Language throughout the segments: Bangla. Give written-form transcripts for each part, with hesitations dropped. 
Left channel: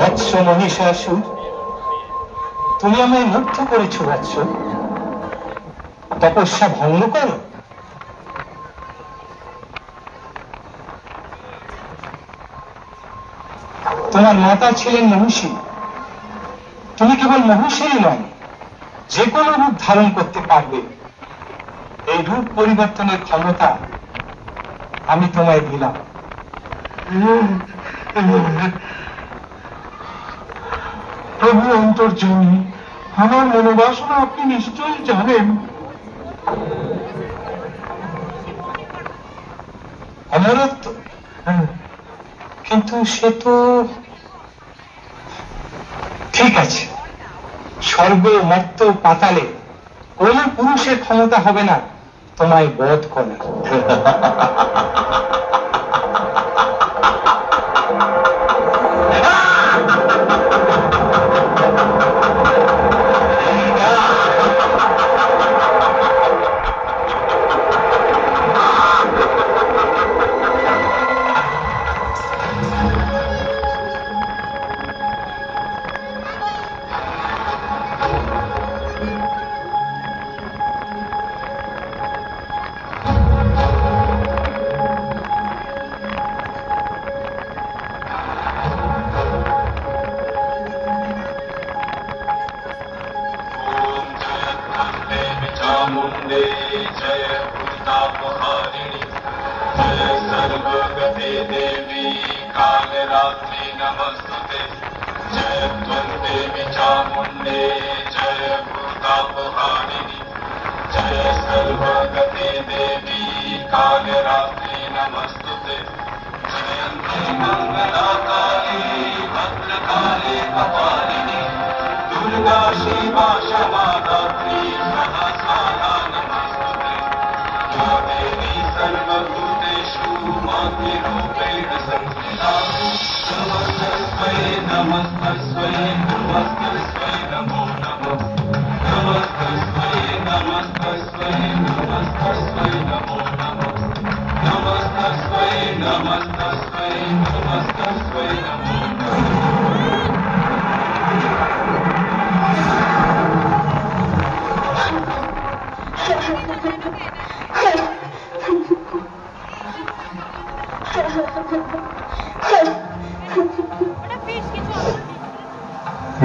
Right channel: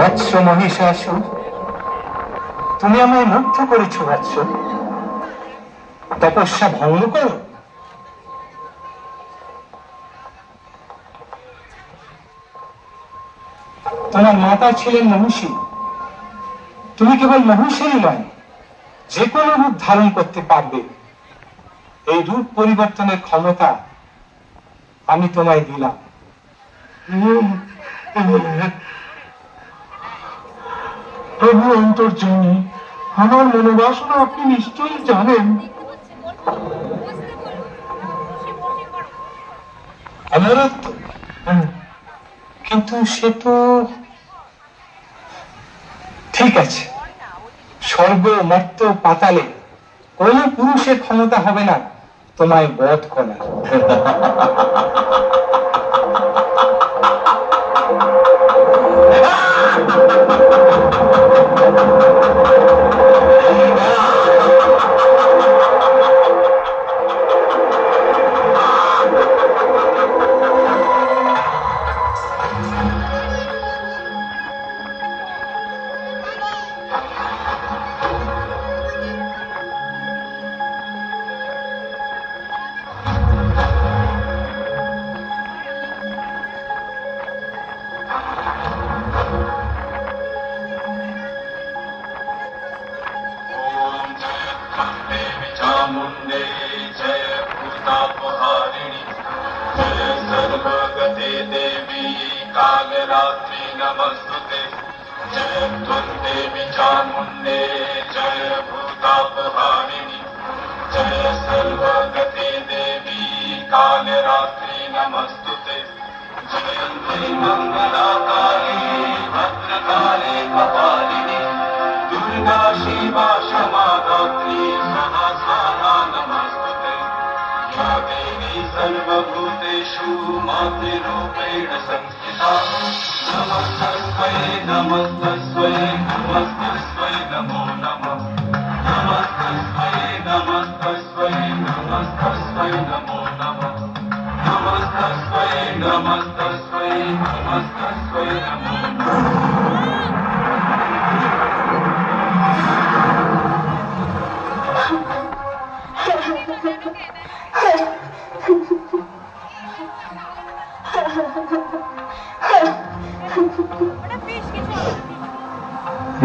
বৎস মহিষাসুর, তুমি আমায় মুগ্ধ করেছ বৎস। তপস্যা ভঙ্গ করো। তোমার মাতা ছিলেন মহিষী, তুমি কেবল মহিষীরই নয়, যে কোনো রূপ ধারণ করতে পারবে। এই রূপ পরিবর্তনের ক্ষমতা আমি তোমায় দিলাম। প্রভু অন্তর্যামী, আমার মনোবাসনা আপনি নিশ্চয়ই জানেন। অমরত্ব, কিন্তু সে তো ঠিক আছে। স্বর্গ, মর্ত, পাতালে কোন পুরুষের ক্ষমতা হবে না তোমায় বধ করা।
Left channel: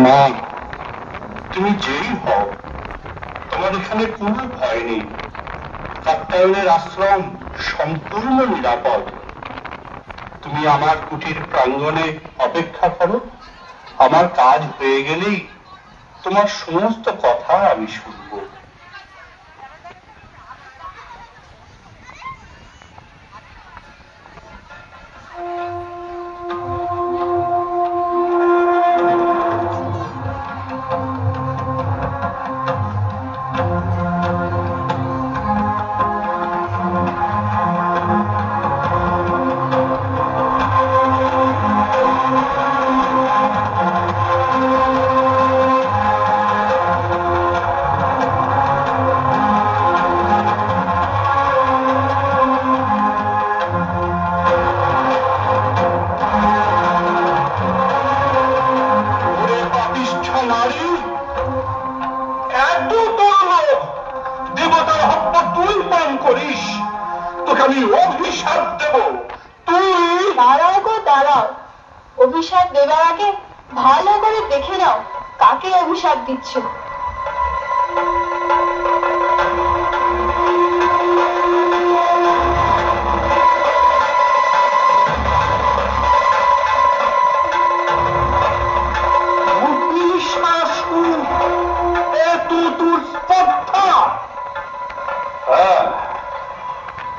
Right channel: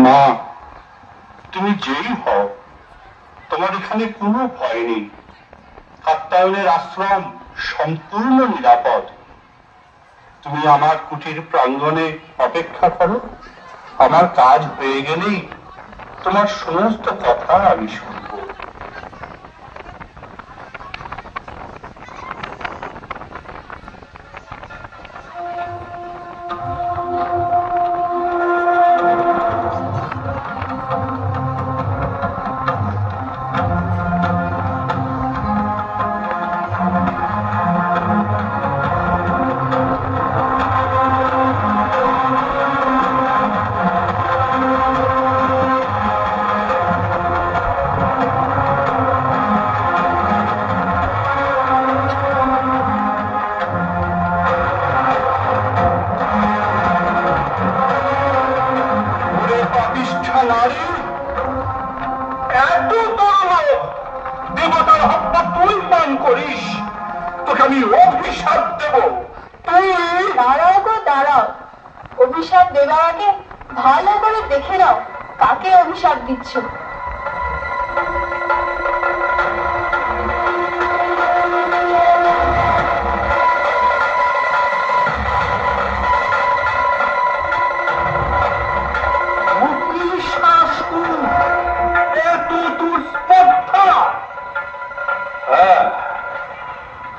মা, তুমি যেই হও, তোমার এখানে কোনো ভয় নেই। কাত্যায়নের আশ্রম সম্পূর্ণ নিরাপদ। তুমি আমার কুটির প্রাঙ্গণে অপেক্ষা করো। আমার কাজ হয়ে গেলেই তোমার সমস্ত কথা আমি শুনব। অভিশাপ দেবার আগে ভালো করে দেখে নাও কাকে অভিশাপ দিচ্ছ।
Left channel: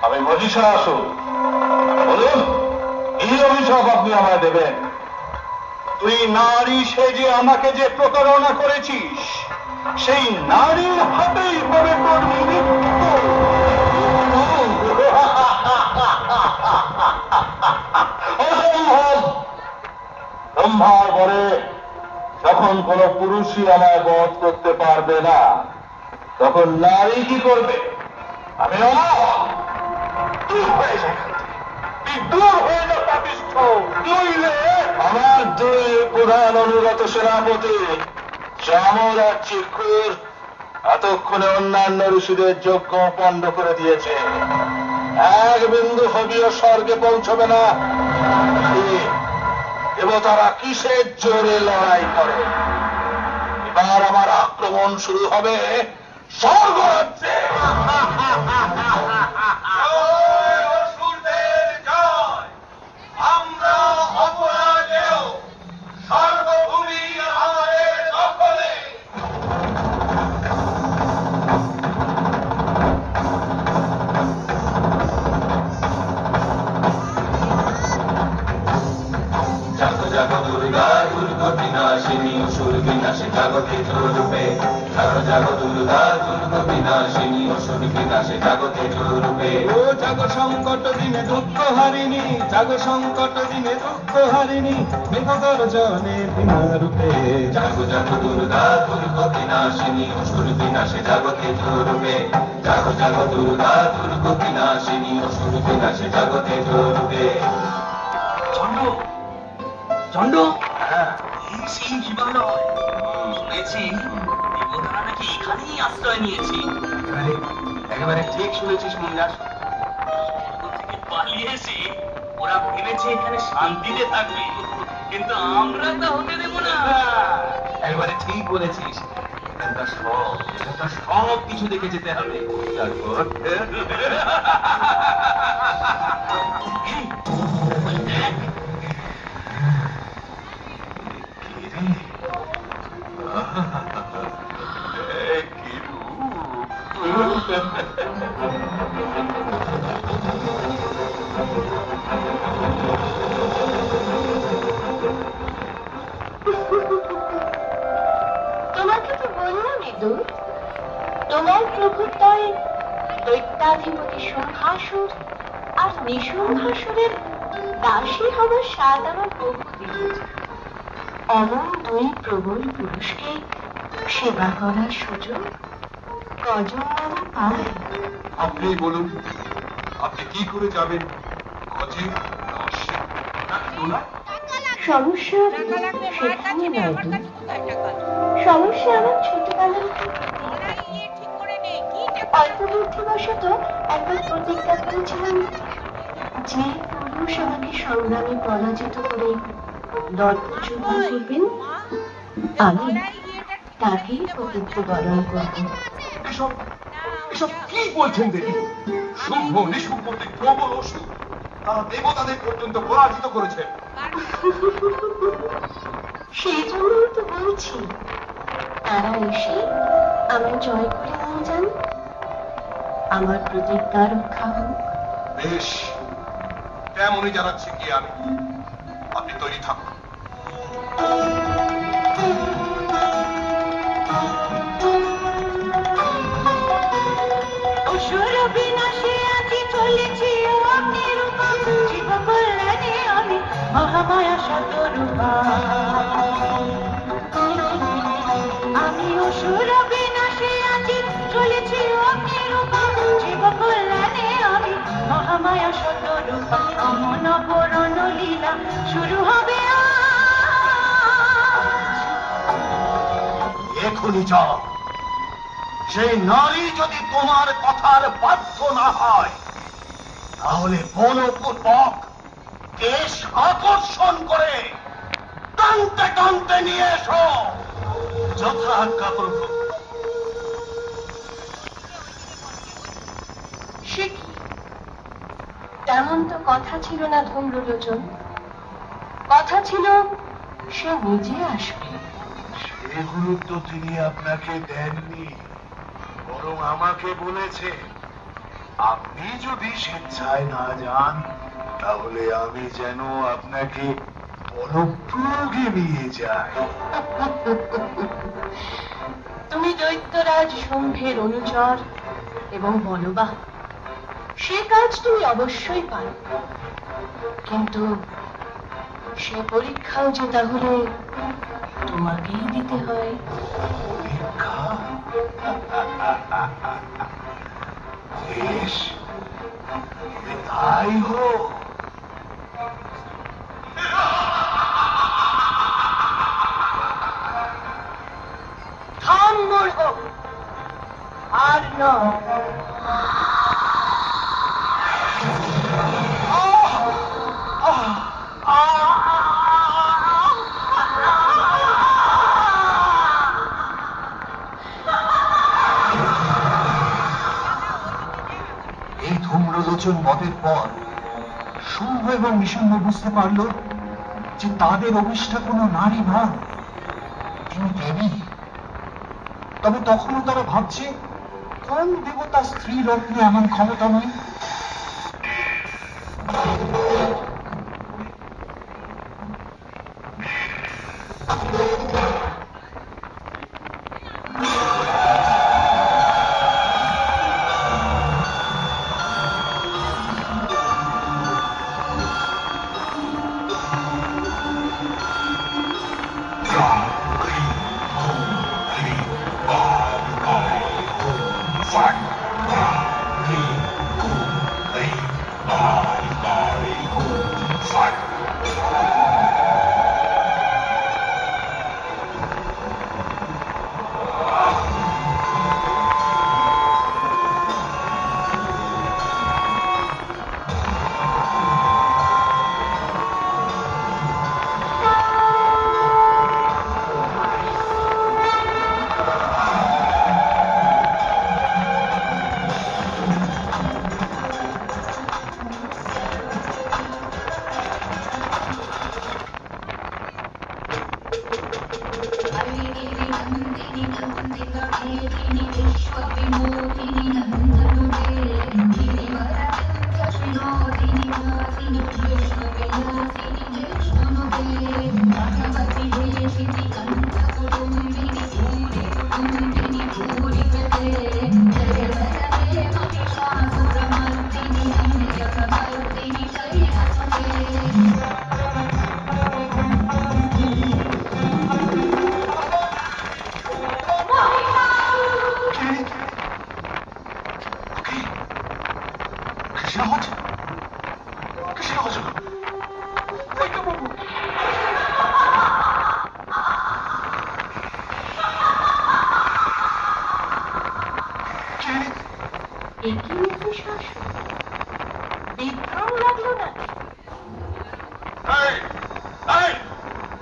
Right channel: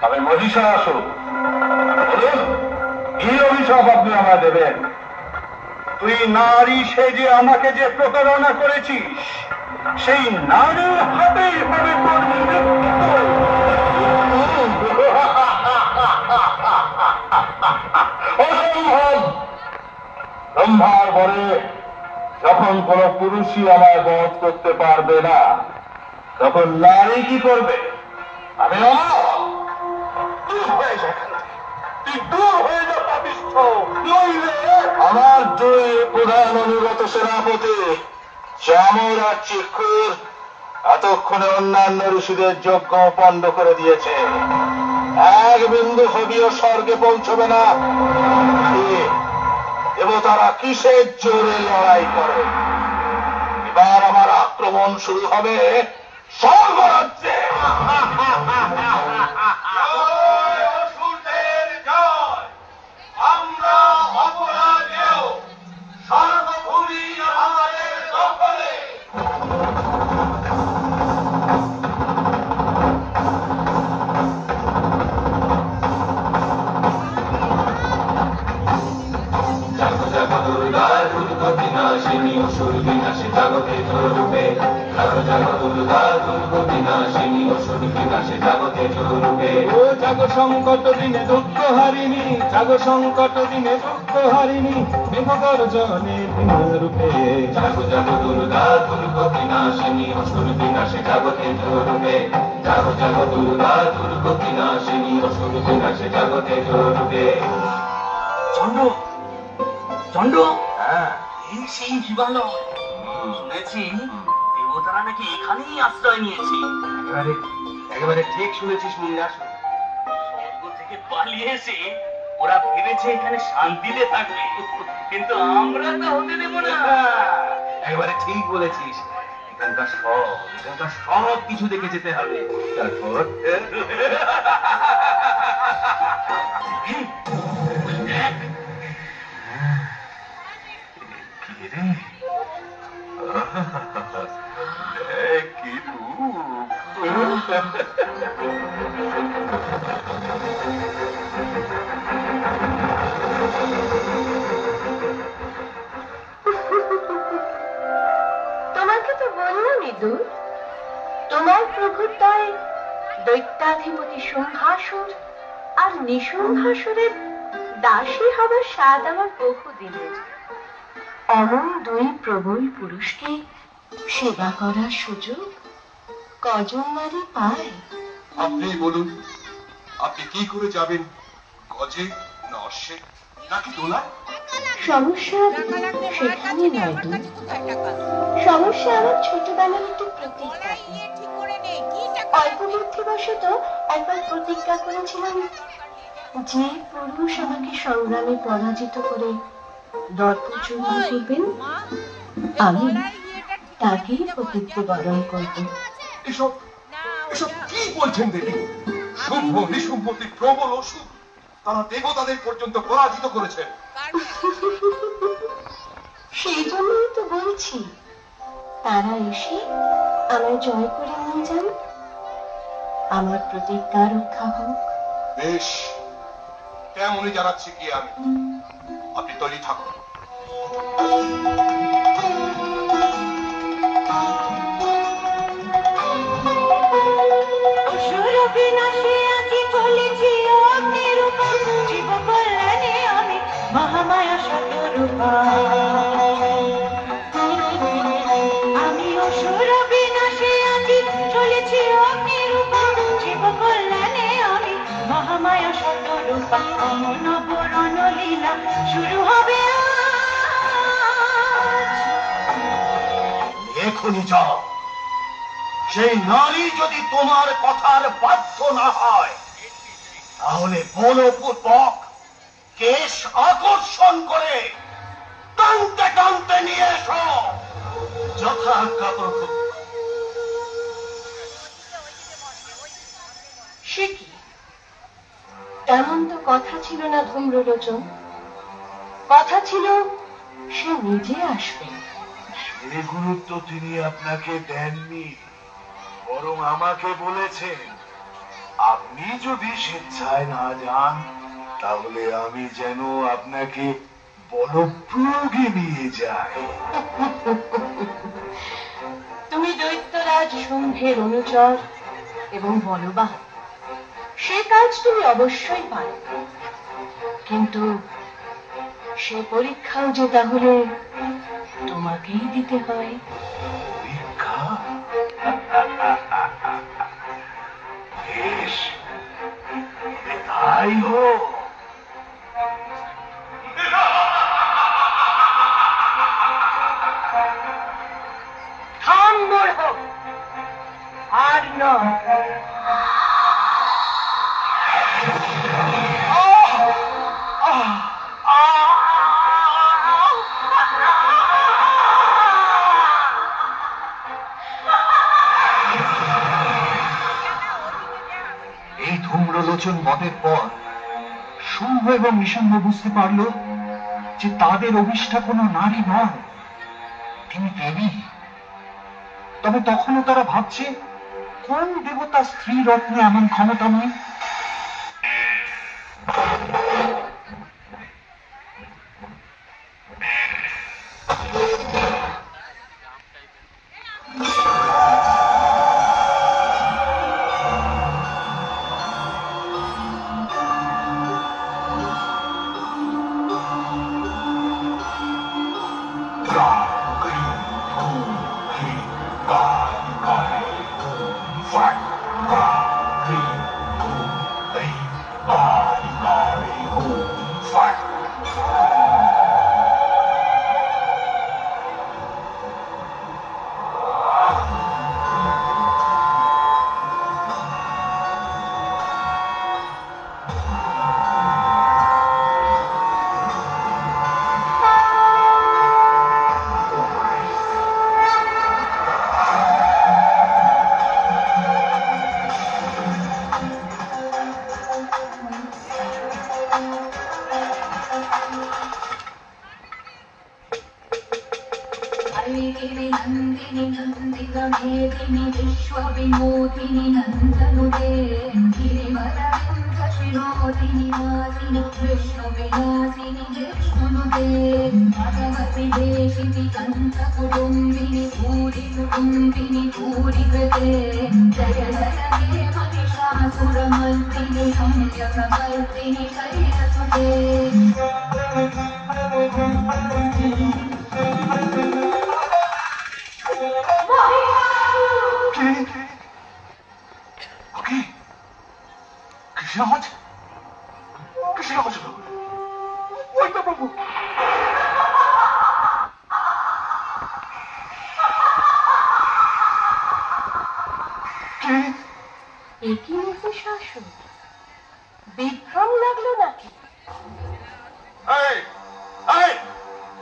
আমি মহিষাসুর, বলুন কি অভিশাপ আপনি আমায় দেবেন? তুই নারী সেজে আমাকে যে প্রতারণা করেছিস, সেই নারীর হাতেই হবে তোর মৃত্যু। অসম্ভব। ব্রহ্মার বরে যখন কোন পুরুষই আমায় বধ করতে পারবে না, তখন নারী কি করবে? আমি তুই দূর হয়ে যা পাপিষ্ঠ, নইলে আমার দুই প্রধান অনুগত সেনাপতি চামর আর চিকুর এতক্ষণে অন্যান্য ঋষিদের যজ্ঞ বন্ধ করে দিয়েছে। এক বিন্দু হবিও স্বর্গে পৌঁছবে না। দেবতারা কিসের জোরে লড়াই করে? এবার আমার আক্রমণ শুরু হবে স্বর্গরাজ্যে। আমরা অপরাজেয়, সর্বভূমি আমাদের দখলে। জাগো জাগো দুর্গা দুর্গা বিনাশিনী অসুর বিনাশে জগতে রূপে। জাগো জাগো দুর্গা দুর্গা বিনাশিনী অসুর বিনাশে জগতে রূপে। ও জাগো সংকট দিনে দুঃখ হারিনি, জাগো সংকট দিনে দুঃখ হারিনি, মেঘগর্জনে বিনা রূপে। জাগো জাগো দুর্গা দুর্গা বিনাশিনী অসুর বিনাশে জগতে রূপে। জাগো জাগো দুর্গা দুর্গা বিনাশিনী অসুর বিনাশে জগতে রূপে। চন্ড চন্ড, এই সেই হিমালয়। শুনেছি দেবতারা নাকি এখানেই আশ্রয় নিয়েছে। একেবারে ঠিক শুনেছিস মুন্ডাস। স্বর্গ থেকে পালিয়ে এসে ওরা ভেবেছে এখানে শান্তিতে থাকবে, কিন্তু আমরা তা হতে দেব না। একেবারে ঠিক বলেছিস। এখানকার সব কিছু দেখে যেতে হবে, তারপর তোমাকে তো বললাম ইঁদুর, তোমার প্রভুত্বয় দৈত্যাধিপতি শুম্ভাসুর আর নিশুম্ভাসুরের দাসী হবার স্বাদ আমার বহু দিয়েছে। অমন দুই প্রবল পুরুষকে সেবা করার সুযোগ কজন নারী পায়? আপনি বলুন, আপনি কি করে যাবেন? গজে নাকি দোলায়? সমস্যা সেখানে নয় দূর, সমস্যা আমার ছোটবেলার একটু প্রতিজ্ঞা। অল্প বুদ্ধিবশত একবার প্রতিজ্ঞা করেছিলাম, যে পুরুষ আমাকে সংগ্রামে পরাজিত করে দর্পচূর্ণ করবেন, আমি তাকেই প্রতিজ্ঞ বরণ করব। এসব এসব কি বলছেন দেখি? শুদ্ধ নিশুম্ভকে প্রবল অসুর, তারা দেবতাদের পর্যন্ত পরাজিত করেছেন। সেই জন্যই তো বলছি, তারা এসে আমায় জয় করে নিয়ে যান, আমার প্রতিজ্ঞা রক্ষা হোক। বেশ, তেমনই জানাচ্ছি কি আমি। আপনি তৈরি থাকুন। অসুর বিনাশে আছি চলেছি অগ্নিরূপা, জীব কল্যাণে আমি মহামায়া শতরূপা। আমি অসুর বিনাশে আছি চলেছি অগ্নিরূপা, জীব কল্যাণে আমি মহামায়া শতরূপা। অমন পূরণ লীলা শুরু হবে এখনই যাও। সেই নারী যদি তোমার কথার বাধ্য না হয়, তাহলে বলপূর্বক কেশ আকর্ষণ করে টানতে টানতে নিয়ে এসো। যথা আজ্ঞা প্রভু। সে কি? তেমন তো কথা ছিল না ধৈর্যলোচন, কথা ছিল সে নিজে আসবে। সে গুরুত্ব তিনি আপনাকে দেননি, বরং আমাকে বলেছেন আপনি যদি স্বেচ্ছায় না যান, তাহলে আমি যেন আপনাকে বলপ্রয়োগে নিয়ে যাই। তুমি দৈত্যরাজ শুম্ভের অনুচর এবং বলবাহ, সে কাজ তুমি অবশ্যই পারবে, কিন্তু সে পরীক্ষাও যে তাহলে তোমাকেই দিতে হয়। পরীক্ষা? বেশ, তাই হোক। নয়। এই ধূম্রলোচন বধের পর শুম্ভ এবং নিশুম্ভ বুঝতে পারল যে তাদের অভিষ্ঠা কোনো নারী নন, তিনি দেবী। তবে তখনও তারা ভাবছে কোন দেবতা স্ত্রী রত্নে এমন ক্ষমতাময়ী।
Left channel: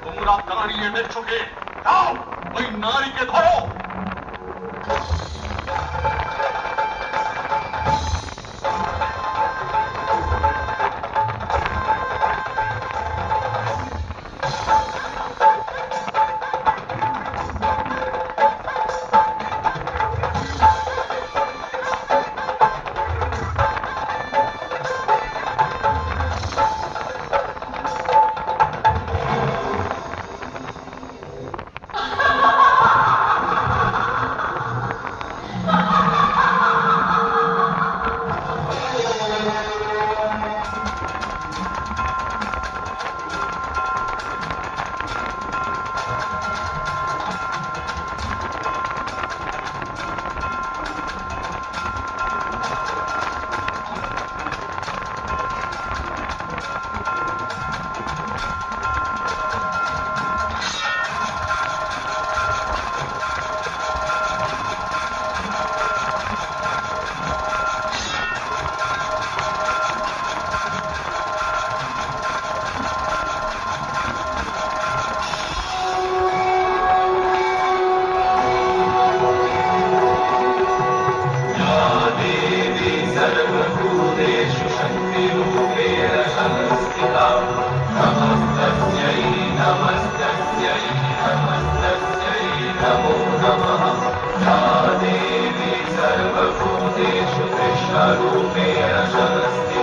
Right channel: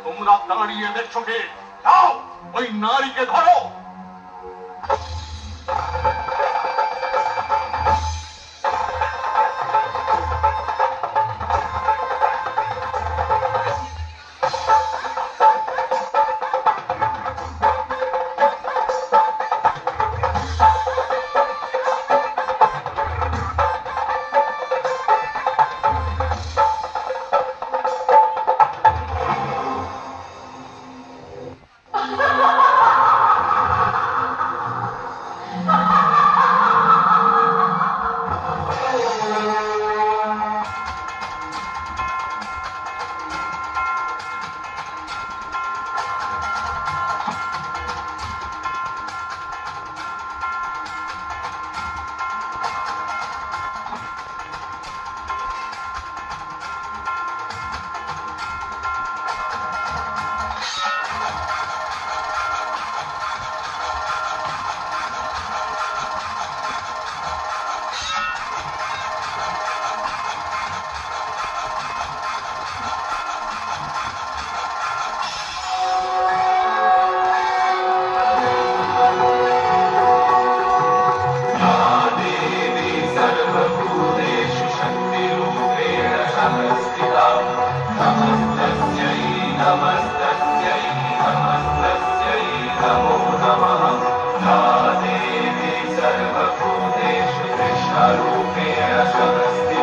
তোমরা দাঁড়িয়ে দেখছো কে? যাও ওই নারীকে ধরো। सर्वभूतेषु कृष्णरूपेण शमस्ति